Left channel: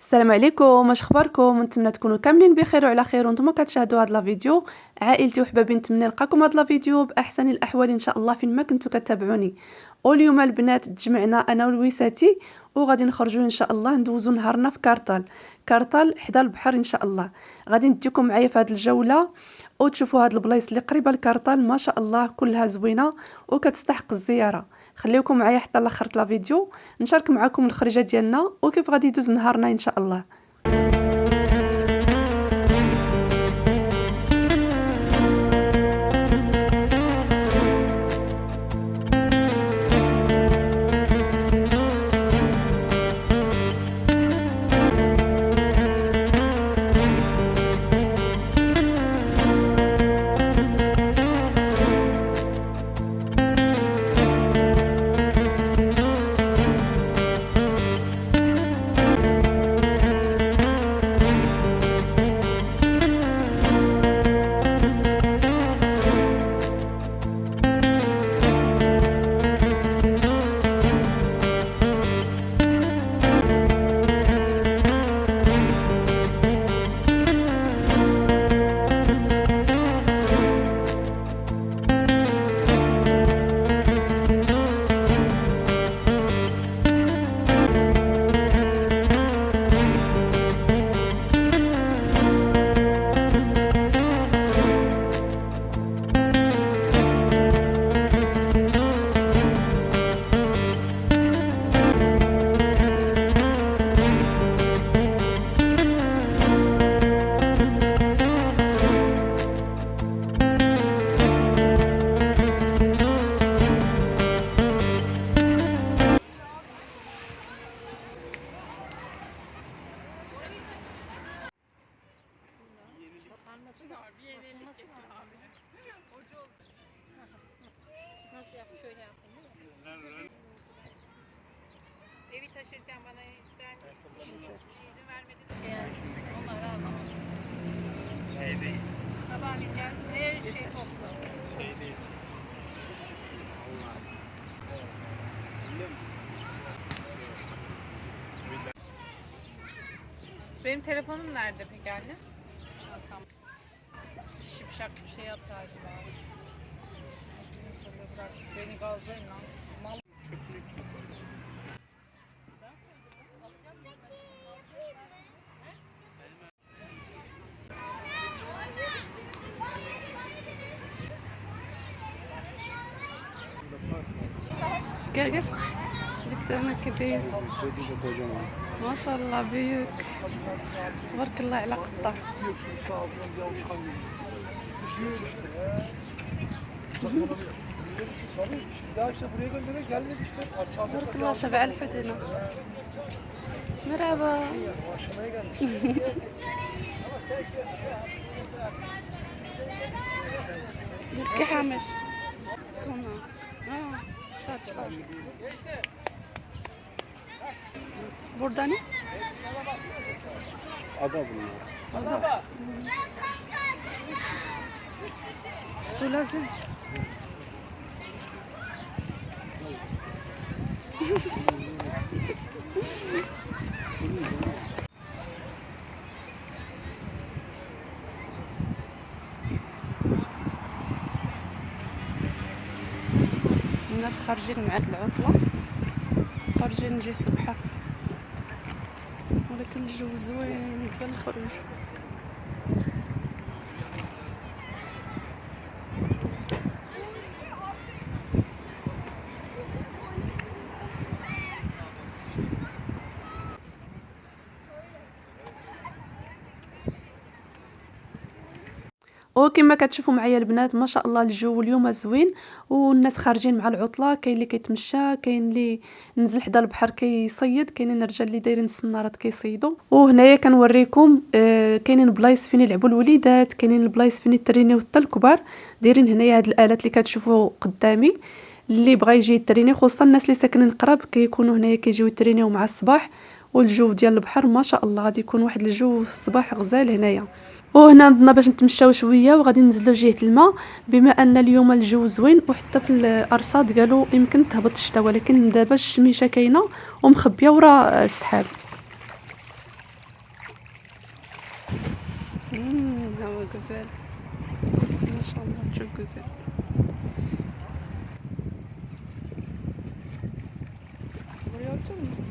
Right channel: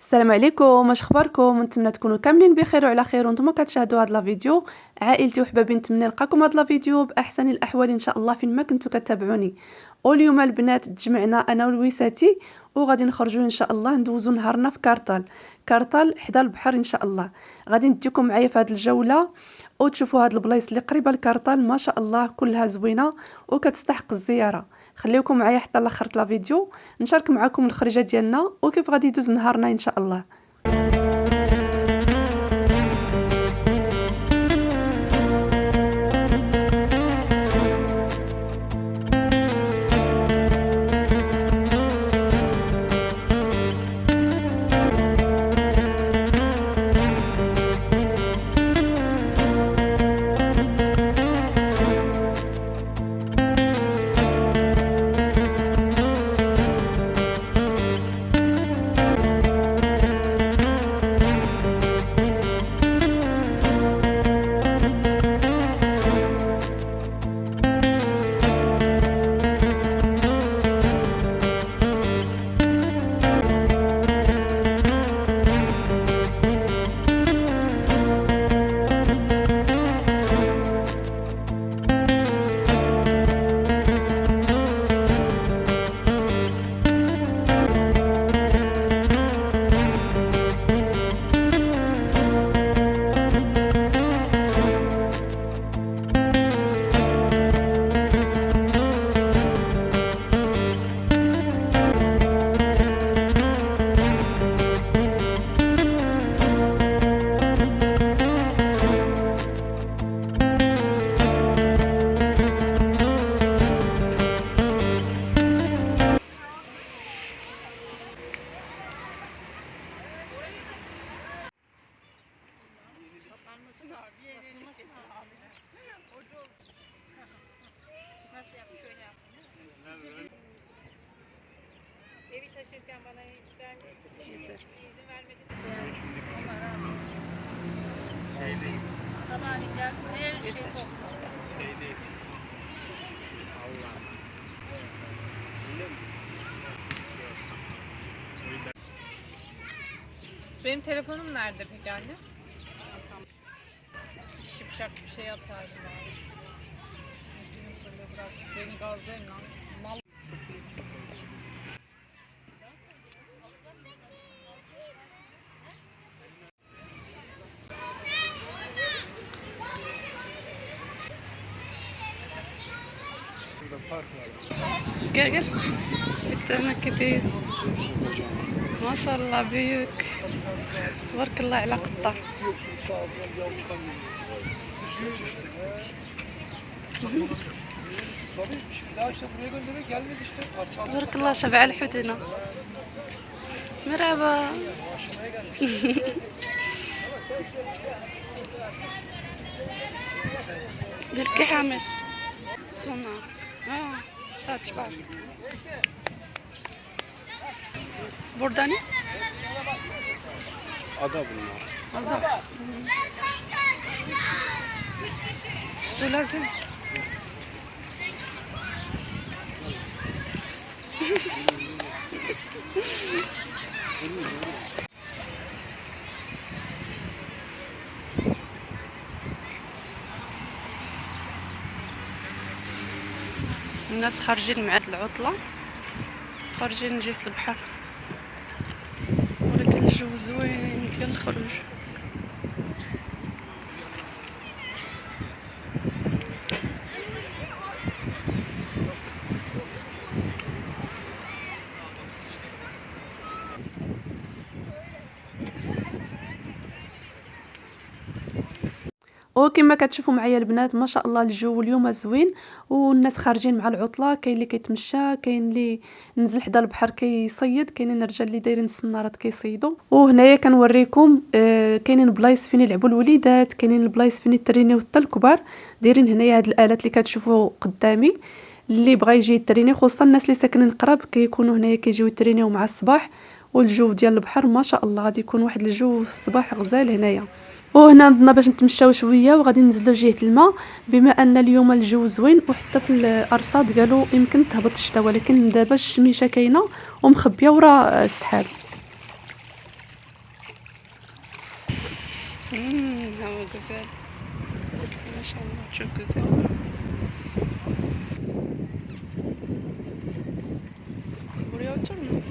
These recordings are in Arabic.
السلام عليكم، واش اخباركم؟ نتمنى تكونوا كاملين بخير وعلى خير وانتم كتشاهدوا هذا الفيديو. عائلتي وحبابي، نتمنى نلقاكم هذا الفيديو باحسن الاحوال ان شاء الله فين ما كنتوا كتابعوني. واليوم البنات تجمعنا انا ولويساتي وغادي نخرجوا ان شاء الله ندوزوا نهارنا في كارطال حدا البحر ان شاء الله. غادي نديكم معايا في هذه الجوله وتشوفوا هاد البلايص اللي قريبه لكارطال، ما شاء الله كلها زوينه وكتستحق الزياره. خليكم معايا حتى لاخر الفيديو نشارك معكم الخريجه ديالنا وكيف غادي يدوز نهارنا ان شاء الله. Evi taşırken bana ben izin vermedim. Allah razı olsun. Sabahleyin gel. Her şey toplu. Benim telefonum nerede peki anne? Şipşak bir şey atardı bari. Beni gazlayın lan. Mal. gel bir tane كبير ما شاء الله büyük تبارك الله على قطة. تبارك الله شبع الحوت هنا. مرحبا. بالكي حامل سونا saç var. Burada ne? Ada bunlar. Ada. Su lazım. الناس خارجين مع العطلة، خارجين جهة البحر، ولكن الجو زوين ديال الخروج. وكما كتشوفوا معايا البنات ما شاء الله الجو اليوم زوين والناس خارجين مع العطله، كاين اللي كيتمشى، كاين اللي نزل حدا البحر كيصيد، كاينين الرجال اللي دايرين السنارات كيصيدوا. وهنايا كنوريكم كاينين بلايص فين يلعبوا الوليدات، كاينين البلايص فين يترينيو حتى الكبار. دايرين هنايا هاد الالات اللي كتشوفوا قدامي، اللي بغى يجي يتريني خصوصا الناس اللي ساكنين قراب كيكونوا هنايا كيجيو يترينيو مع الصباح. والجو ديال البحر ما شاء الله غادي يكون واحد الجو في الصباح غزال هنايا. وهنا عندنا باش نتمشاو شويه وغادي ننزلوا جهه الماء، بما ان اليوم الجو زوين وحتى في الارصاد قالوا يمكن تهبط الشتاء، ولكن دابا الشميشه كاينه ومخبيه ورا السحاب. هوا غزال ما شاء الله. تشوف غزال بريو تورنا.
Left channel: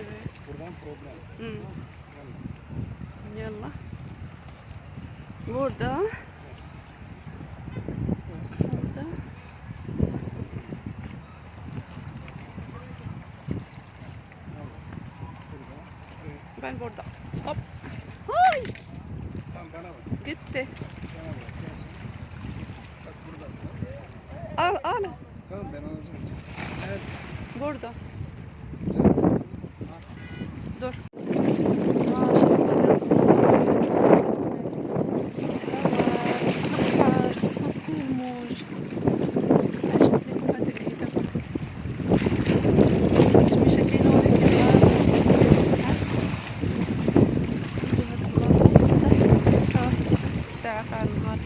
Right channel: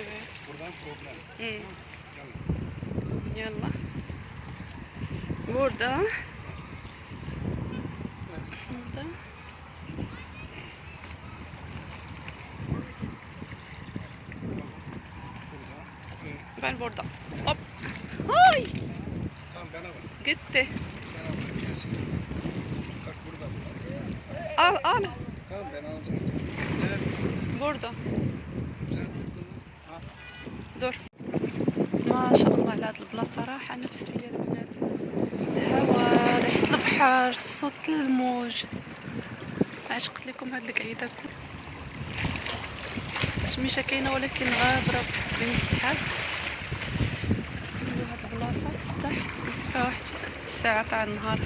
Evet. Buradan problem. Yalla. Burada. Burada. Ben burada. Hop. Ay. Tamam bana bak. Gitti. Bana bak gelsin. Bak burada. Al al. Tamam ben alacağım. Nerede? Burada. دور ما شاء الله على هاد البلاصه رايحه نفس البنات. الهواء، ريحه البحر، صوت الموج. علاش قلت لكم هاد القعيده الشميشه كاينه ولكن غابره بين السحاب. نديرو هاد البلاصه تستحق واحد الساعه تاع النهار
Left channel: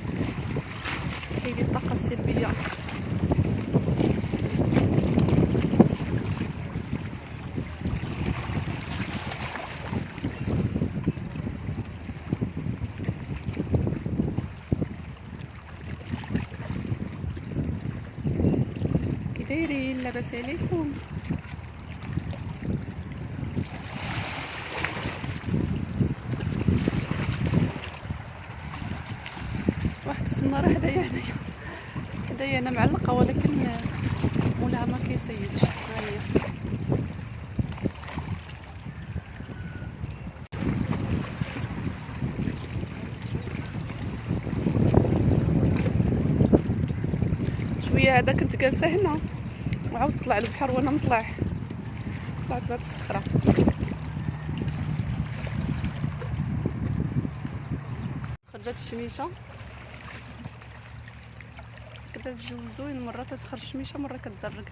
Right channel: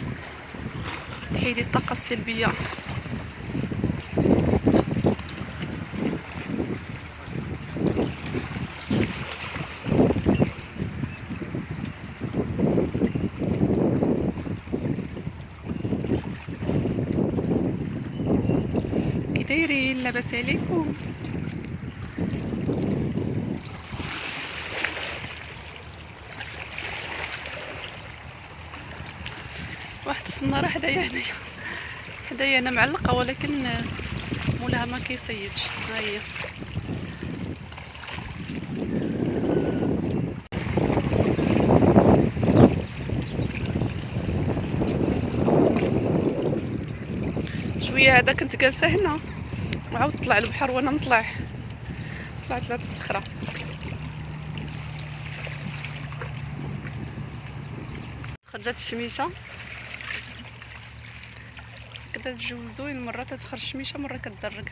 تحيدي الطاقه السلبيه. كي دايرين؟ لاباس عليكم؟ واحد الصناره حدايا انا معلقه ولكن مولاها ما كيصيدش. ها هي شويه هذا كنت جالسه هنا وعاود طلع البحر وانا طلعت لهاد الصخره. خرجت الشميشه كدا الجو زوين، مره تدخل الشميشه مره كتدرق.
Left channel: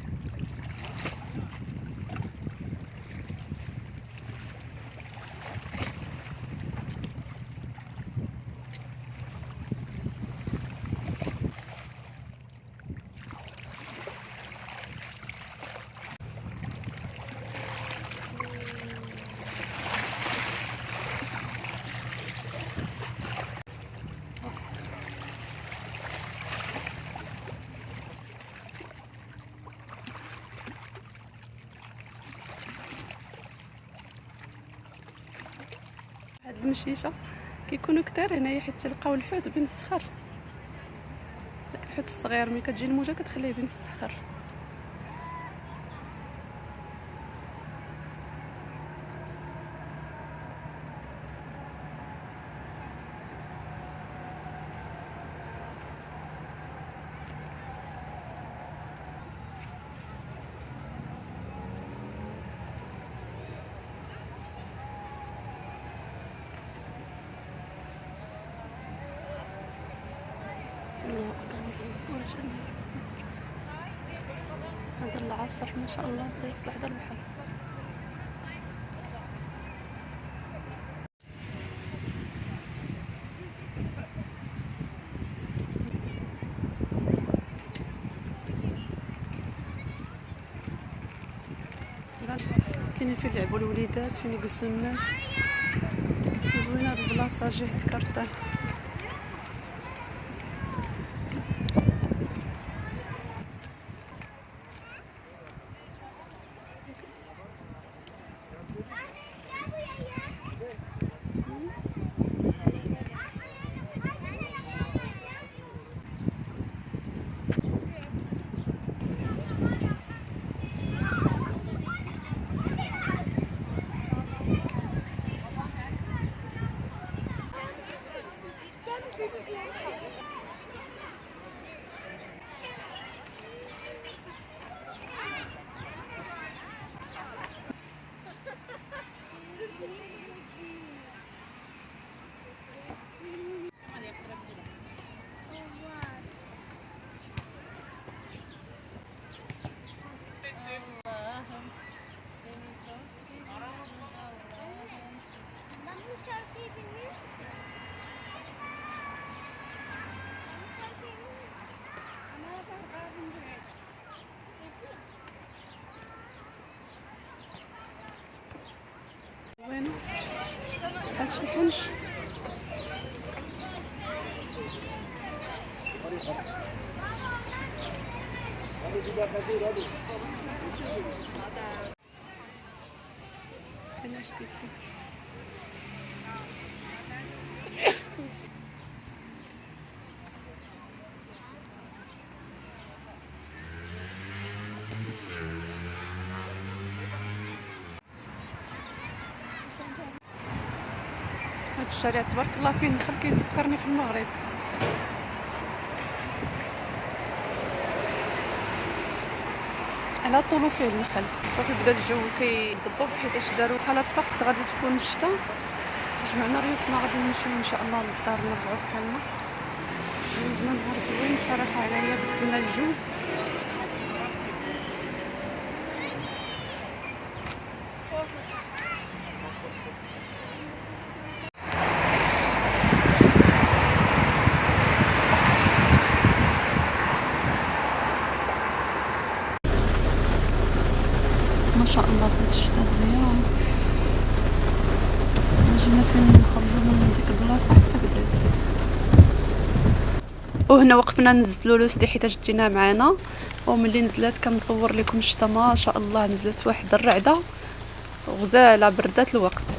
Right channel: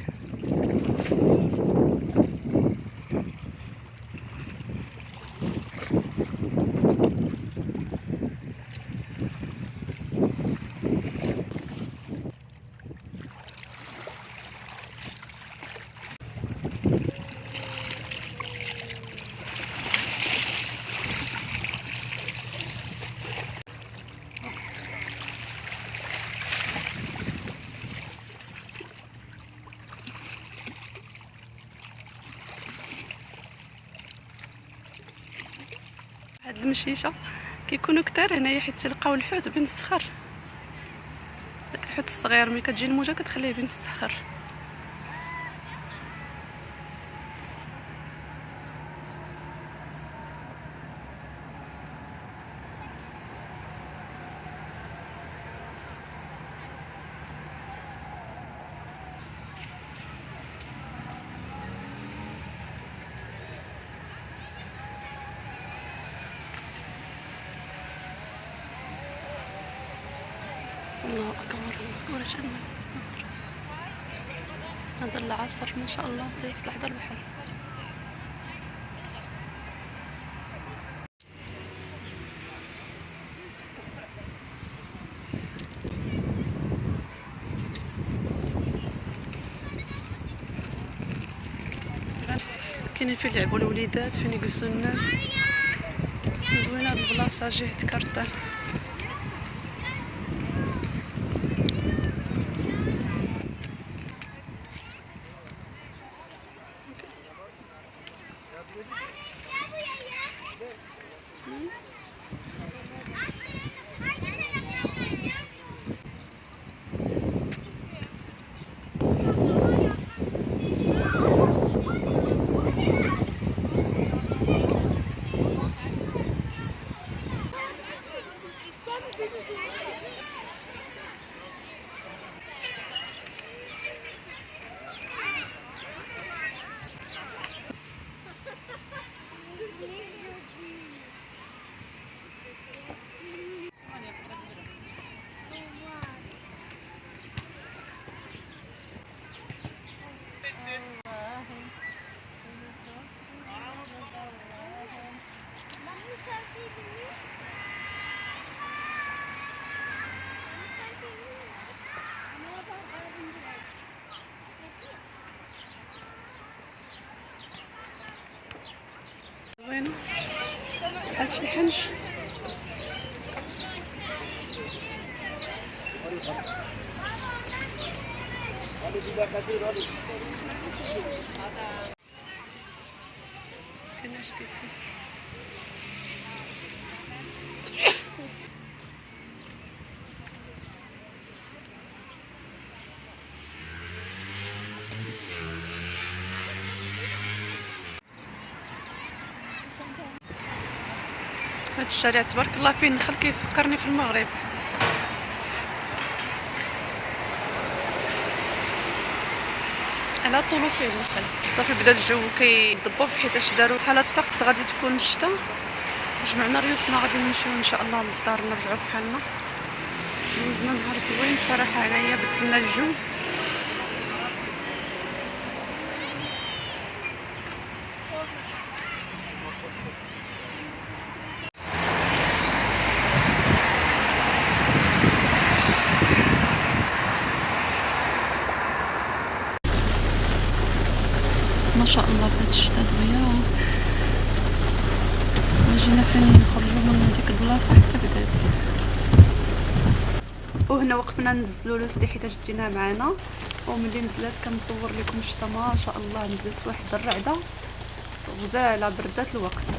هاد المشيشه كيكونوا كتار هنايا حيت تلقاو الحوت بين الصخر. داك الحوت الصغير ملي كتجي الموجه كتخليه بين الصخر. الله اكبر الله اكبر. اش عندنا هذا العصر ما شاء الله تيوصل حدا البحر. كاينين فين يلعبوا الوليدات، فين يجلسوا الناس. زوينه هاد البلاصه جهه كارطال. زوينه بحال شي حنش. هنا اش كيدير هاد الشارع تبارك الله فيه النخل كيفكرني في المغرب. على طول فيه النخل. صافي بدا الجو كيضبب حيتاش داروا حاله الطقس غادي تكون الشتا. جمعنا ريوسنا غادي نمشيو ان شاء الله للدار نرجعوا بحالنا. دوزنا نهار زوين صراحه، هنايا بدلنا الجو. ما شاء الله بدات الشتا دغيا، جينا فين نخرجوا من ديك البلاصه حتى بدات. وهنا وقفنا نزلوا لوستي حيت جينا معانا، وملي نزلات كنصور لكم الشتا ما شاء الله نزلت واحد الرعده غزاله بردات الوقت.